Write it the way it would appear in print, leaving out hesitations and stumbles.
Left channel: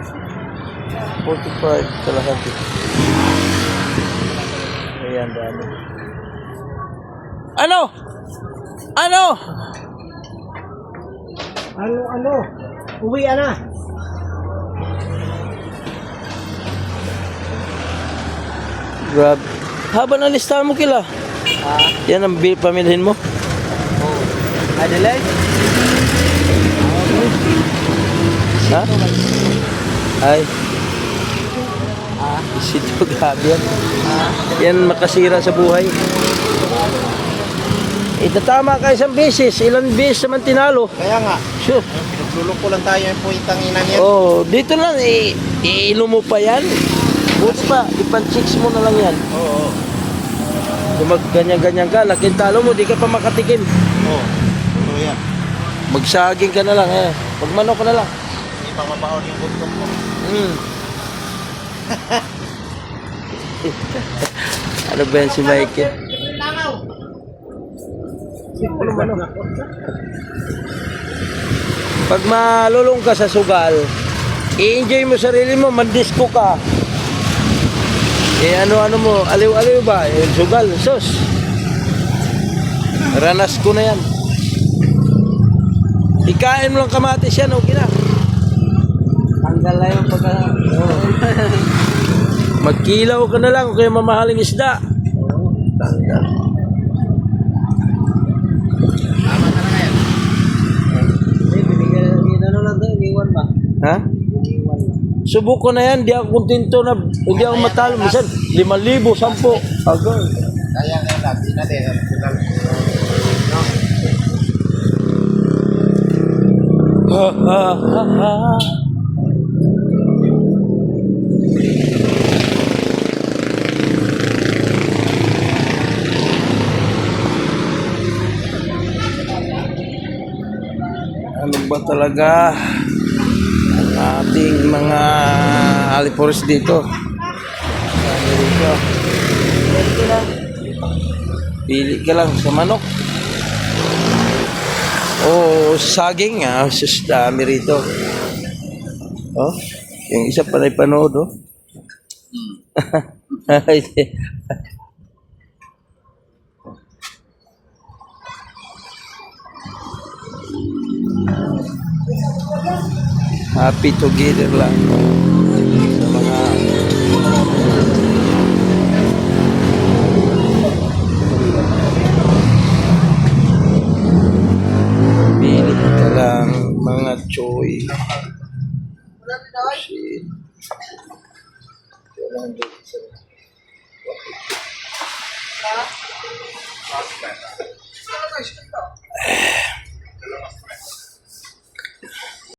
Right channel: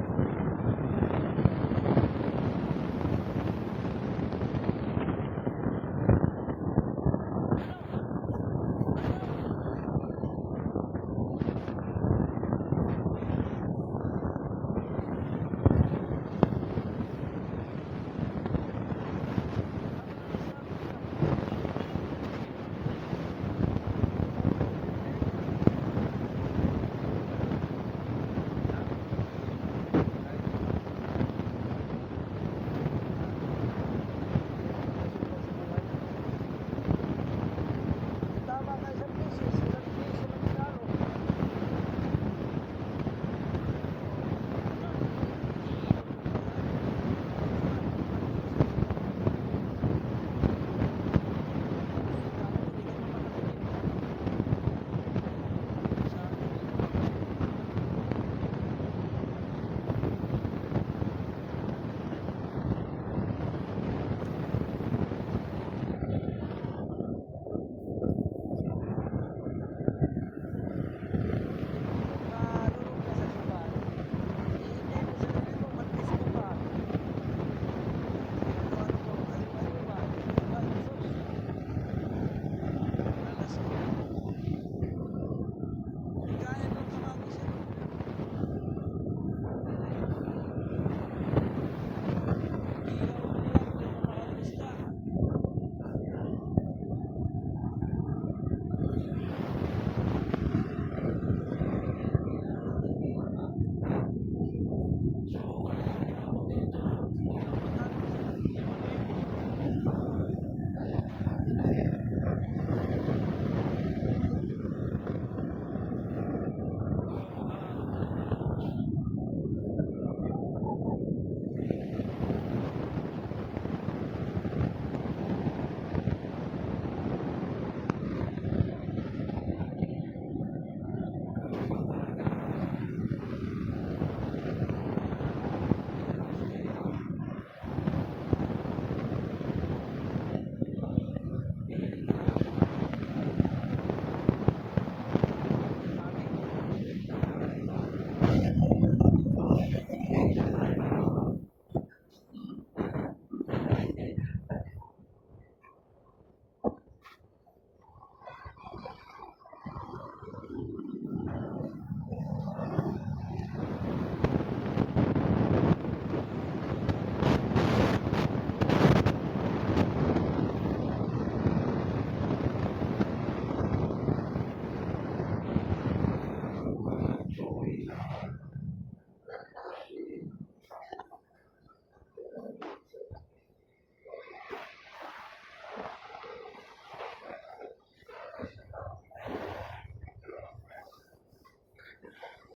45 kalahati. Ayan, dami. Ano? Ano? Ano? Uwi na. Grabe. Haba na listahan mo kila. Yan ang pamilhin mo. Adelaide? Ha? Ay. Sito, grabe yan. Yan makasira sa buhay. Itatama ka isang beses. Ilang beses naman tinalo. Kaya nga, Sure. pinagluloko lang tayo yung puwitang ina niya. Oh, dito lang. Iilo mo pa yan. Buti pa, ipan-chicks mo na lang yan. Oo. Kung mag-ganyan-ganyan ka, laking talo mo, di ka pa makatikim. Oo. So yan. Magsaging ka na lang, eh. Magmanok ka na lang. Hindi pa mabahon yung gutom mo. Ano ba yan si Michael? Pag malulong ka sa sugal, i-enjoy mo sarili mo, mandisco ka. Ano mo, aliw-aliw ba? Sugal, sus. Ranas ko na yan. Ikain mo lang kamatis yan, okay na. Tanggal na yung pagka... Magkilaw ka na lang kaya mamahaling isda. Tanggal. Tama na na yan. Binigyan na lang tayo, iniwan ba? Ha? Iniwan. Subok ko na yan, di ako kontento na, hindi ako matalo. Minsan, 5,000, 10. Agad. Kaya nga lang, sinali. Ha ha ha ha. Ano ba talaga ang ating mga alipores dito? Pili ka lang sa manok. O saging, sus dami rito. Oh, yung isa pa na ipanood, oh. Happy together lang sa mga pili ka lang mga choy. Shit.